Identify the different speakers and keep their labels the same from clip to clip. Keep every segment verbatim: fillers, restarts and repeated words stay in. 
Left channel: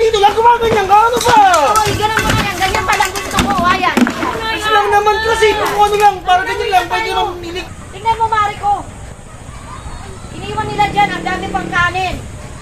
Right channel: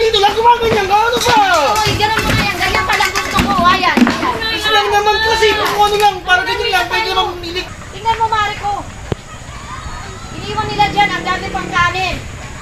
Speaker 1: dito lang gumaganyan ka, ano ba?
Speaker 2: Uy, ganun mo na yan. Ganyan palang gusto ko. Ayan.
Speaker 1: Kasi lang naman kasi kung ano lang, parang ganyan lang, pwede naman pumilik.
Speaker 2: Tingnan mo, Mari ko. Iniwan nila dyan. Ang dami pang kanin.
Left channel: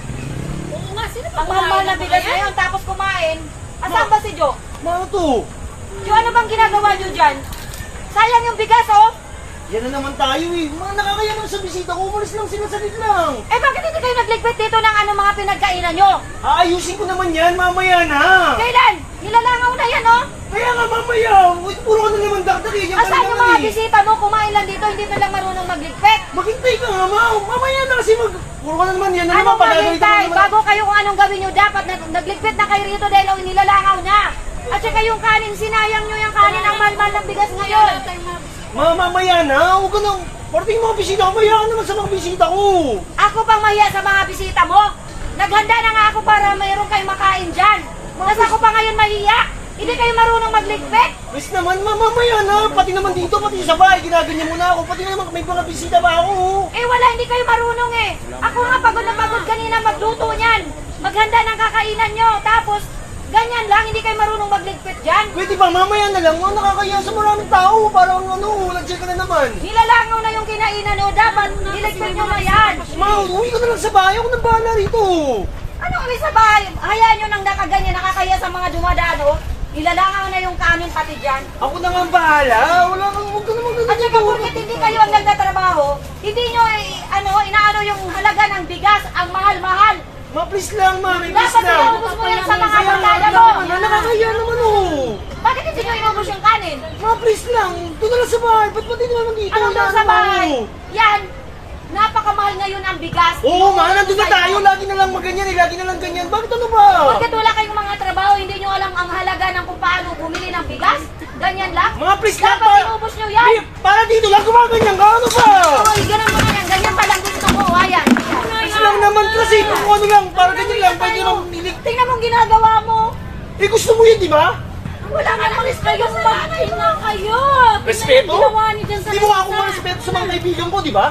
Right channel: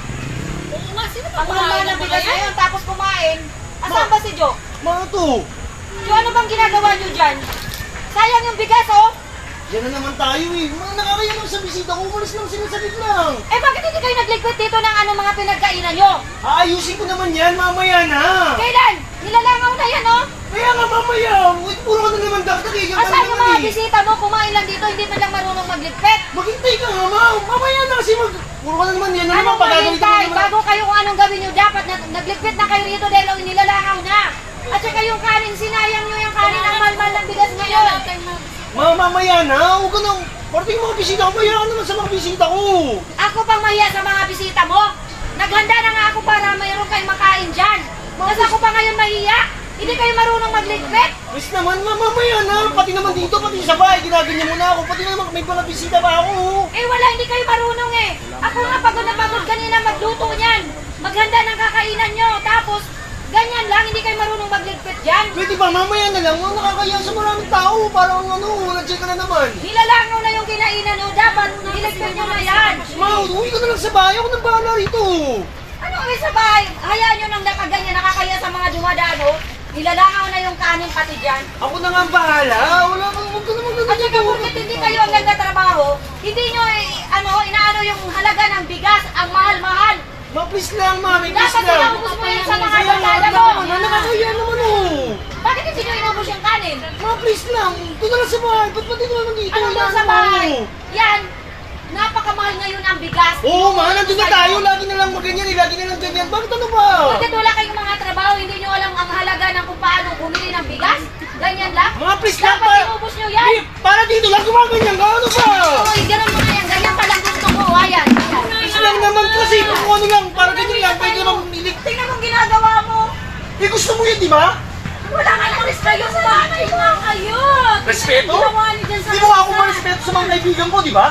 Speaker 3: Oo nga, sino ba
Speaker 2: Ang mahal na bigas ngayon. Tapos kumain. Asan ba si Jo?
Speaker 1: Ano to?
Speaker 2: Jo, ano bang ginagawa nyo dyan? Sayang yung bigas, oh.
Speaker 1: Yan na naman tayo eh. Mga nakakaya naman sa bisita ko, umalis lang sila saglit lang.
Speaker 2: Eh, bakit hindi kayo nagliquid dito ng ano mga pinagkainan nyo?
Speaker 1: Aayusin ko naman yan, mamaya na.
Speaker 2: Kailan? Nilalangaw na yan, oh.
Speaker 1: Kaya nga mamaya, uy, puro ka na naman dakdak eh. Yan
Speaker 2: Asan
Speaker 1: kami
Speaker 2: yung
Speaker 1: naman
Speaker 2: mga
Speaker 1: eh.
Speaker 2: bisita mo? Kumain lang dito, hindi man lang marunong magligpit.
Speaker 1: Maghintay ka nga, ma. Mamaya na kasi mag... Puro ka na naman yan. Ano
Speaker 2: Anong
Speaker 1: naman, pagagalitan mo
Speaker 2: maghintay?
Speaker 1: naman.
Speaker 2: Bago kayo kung anong gawin nyo, dapat na, nagligpit na kayo rito dahil ang nilalangaw na. At saka yung kanin, sinayang nyo yung kanin, ang mahal-mahal ng bigas ngayon.
Speaker 1: Ma, mamaya na. Huwag ka nang... Parating mga bisita ko, maya ka naman sa mga bisita ko.
Speaker 2: Ako pang mahiya sa mga bisita mo. Naghanda na nga ako para mayroon kayong makain dyan. Tapos ako pa ngayon mahiya. Hindi kayo marunong magligpit.
Speaker 1: Please naman, ma, mamaya na. Pati naman dito, pati sa bahay, ginaganyan mo na ako. Pati naman may mga bisita ba ako.
Speaker 2: Eh wala, hindi kayo marunong eh. Ako nga pagod na pagod kanina magluto niyan. Maghanda ng kakainan nyo. Tapos, ganyan lang, hindi kayo marunong magligpit dyan.
Speaker 1: Pwede ba, mamaya na lang. Mga nakakaya sa maraming tao. Parang ano, nag-check ka na naman.
Speaker 2: Nilalangaw na yung kinainan o. Dapat, niligpit nyo na yan.
Speaker 1: Ma, uwi ko na lang sa bahay. Ako nang bahala rito.
Speaker 2: Anong isa ba? Hayaan nyo nang nakaganyan, nakakaya sa mga dumadaan o. Nilalangaw na yung kanin pati dyan.
Speaker 1: Ako na nga ang bahala. Wala kang, huwag ka naman ganun.
Speaker 2: At saka porket hindi kayo ang nagtatrabaho, hindi nyo eh, ano, inaano yung halaga ng bigas, ang mahal-mahal.
Speaker 1: Ma, please lang, ma. May please
Speaker 2: Dapat
Speaker 1: lang.
Speaker 2: inaubos mo yan sa mga
Speaker 1: Kaya nga,
Speaker 2: barkada
Speaker 1: wala
Speaker 2: mo.
Speaker 1: ka na. Nakakaya naman oh.
Speaker 2: Bakit hindi nyo inubos yung kanin?
Speaker 1: Ma, please lang. Doon na lang sa bahay. Ba't pati naman dito?
Speaker 2: Anong doon sa bahay? Yan, napakamahal ngayon ang bigas.
Speaker 1: Oo, ma. Nandun na
Speaker 2: Sa'yo.
Speaker 1: tayo. Lagi na lang maganyan eh. Lagi na lang ganyan. Bakit ano ba?
Speaker 2: Porket wala kayong mga trabaho, hindi nyo alam ang halaga ng kung paano bumili ng bigas. Ganyan lang.
Speaker 1: Mga please lang.
Speaker 2: Dapat
Speaker 1: Para,
Speaker 2: inubos nyo yan.
Speaker 1: Di, para dito lang gumaganyan ka. Ano ba?
Speaker 2: Uy, ganun mo na yan. Ganyan palang gusto ko. Ayan.
Speaker 1: Please lang naman kasi. Kung ano lang. Para ganyan lang. Pwede naman pumilik.
Speaker 2: Tingnan mong ginagawa mo.
Speaker 1: Eh, gusto mo yun, di ba?
Speaker 2: Wala kayong respeto sa nanay mo.
Speaker 3: Kayo!
Speaker 1: Respeto?
Speaker 3: Ginawa niyo dyan sa
Speaker 1: Hindi mo nga ako marespeto sa mga kaibigan ko, di ba?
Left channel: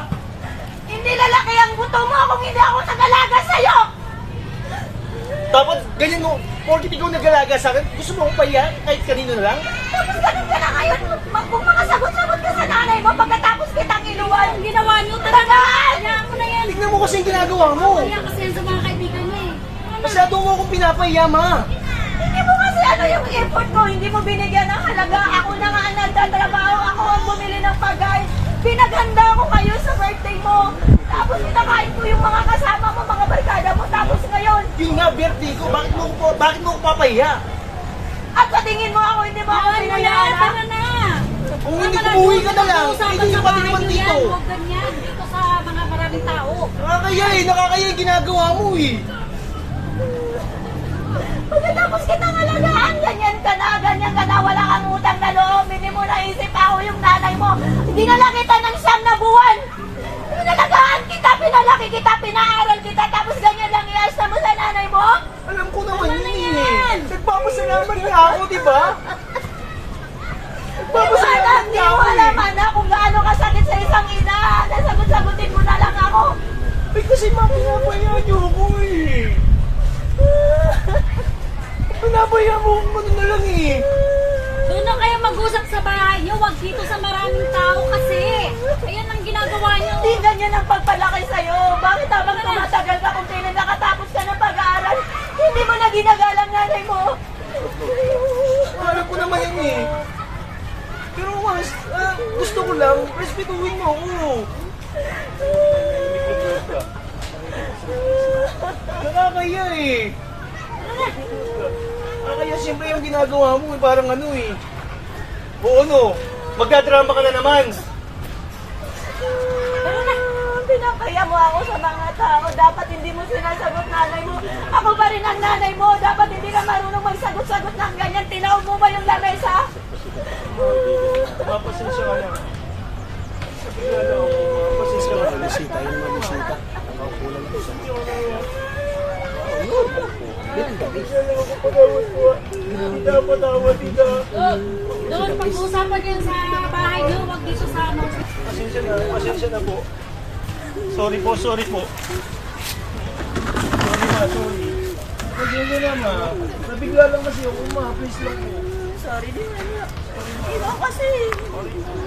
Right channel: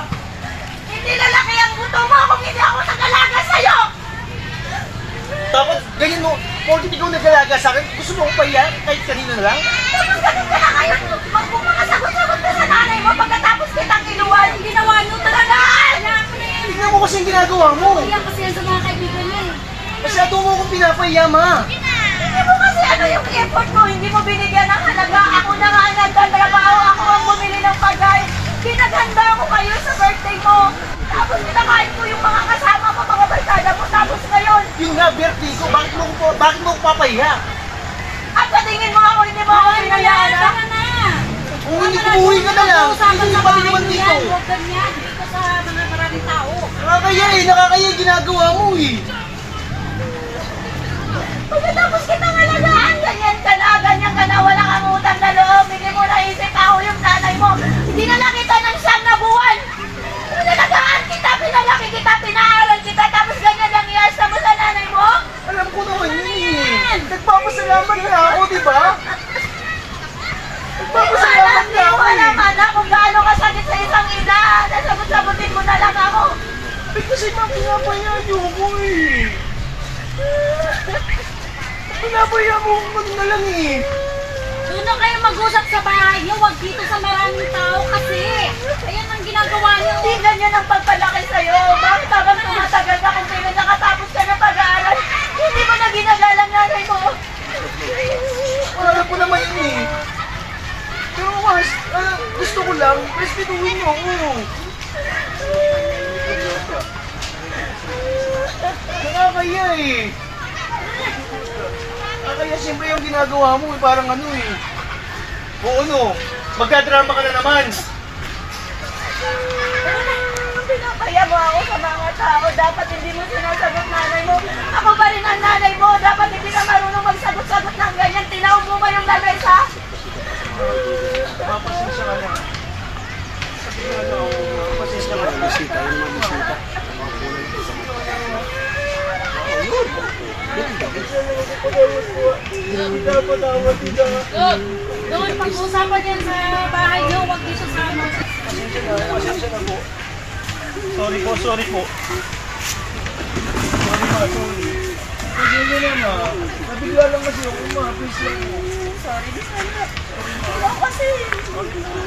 Speaker 2: Hindi lalaki ang buto mo kung hindi ako nag-alaga sa'yo.
Speaker 1: Dapat ganyan mo. Porkit ikaw nag-alaga sa akin, gusto mo akong pahiya kahit kanino na lang?
Speaker 2: Tapos ganun ka na ngayon. Magpumakasagot-sagot ka sa nanay mo pagkatapos kitang iluwan. Ginawa nyo talagaan.
Speaker 3: Ako na yan.
Speaker 1: Tignan mo kasi yung ginagawa mo.
Speaker 3: Yan kasi yan sa mga kaibigan niya eh.
Speaker 1: Masyado mo akong pinapahiya, ma.
Speaker 2: Hindi mo kasi ano yung effort ko. Hindi mo binigyan ng halaga. Ako na nga ang nagtatrabaho. Ako ang bumili ng pagkain. Pinaghanda ko kayo sa birthday mo. Tapos pinakain ko yung mga kasama mo, mga barkada mo. Tapos ngayon,
Speaker 1: Yung na birthday ko, bakit mo ko bakit mo ko papahiya?
Speaker 2: at patingin mo ako, hindi mo ako
Speaker 3: Ay,
Speaker 2: pinayaan.
Speaker 3: wala, tara na.
Speaker 1: Kung hindi ko buhay ka na lang,
Speaker 3: Usapan
Speaker 1: hindi
Speaker 3: sa
Speaker 1: ka pati
Speaker 3: bahay
Speaker 1: naman
Speaker 3: niyo
Speaker 1: dito.
Speaker 3: yan. Huwag ganyan. Dito sa mga maraming tao.
Speaker 1: Nakakaya eh, nakakaya yung ginagawa mo eh.
Speaker 2: Pagkatapos kitang alagaan, ganyan ka na, ganyan ka na, wala kang utang na loob. Hindi mo naisip ako yung nanay mo. Hindi na lang kita ng siyam na buwan. Pinalagaan kita, pinalaki kita, pinaaral kita, tapos ganyan lang iasa mo sa nanay mo?
Speaker 1: Alam ko naman yun eh. Nagpapasalamat na ako, di ba?
Speaker 2: Hindi mo alam, hindi mo alam, anak, kung gaano kasakit sa isang ina. Nasagot-sagutin mo na lang ako.
Speaker 1: Eh kasi ma, pinapahiya niyo ako eh. Pinapahiya mo ako ano na lang eh.
Speaker 3: Doon na kayo mag-usap sa bahay niyo. Huwag dito sa maraming tao kasi. Ayan ang ginagawa niyo.
Speaker 2: Hindi ganyan ang pagpalaki sa'yo. Bakit habang tumatagal ka kung kailan nakatapos ka ng pag-aaral, hindi mo na binagalang nanay mo?
Speaker 1: Alam ko naman yun eh. Pero mas, ah, gusto ko lang, respetuhin niyo ako. Nakakaya eh. Nakakaya siyempre yung ginagawa mo eh, parang ano eh. O ano, magkadrama ka na naman.
Speaker 2: Pinapaya mo ako sa mga tao. Dapat hindi mo sinasagot nanay mo. Ako pa rin ang nanay mo. Dapat hindi ka marunong magsagot-sagot ng ganyan. Tinawag mo ba yung lamesa?
Speaker 1: Mapasensya ka lang. Mapasensya ka lang. Bisita, yung mga bisita.
Speaker 3: Doon. Doon. Pag-usapan yan sa bahay niyo. Huwag dito sa ano.
Speaker 1: Pasensya na, pasensya na po. Sorry po, sorry po. Sorry ma, sorry. Pagyan na ma. Nabigla lang kasi ako ma. Please lang po.
Speaker 2: Sorry din anak. Ikaw kasi.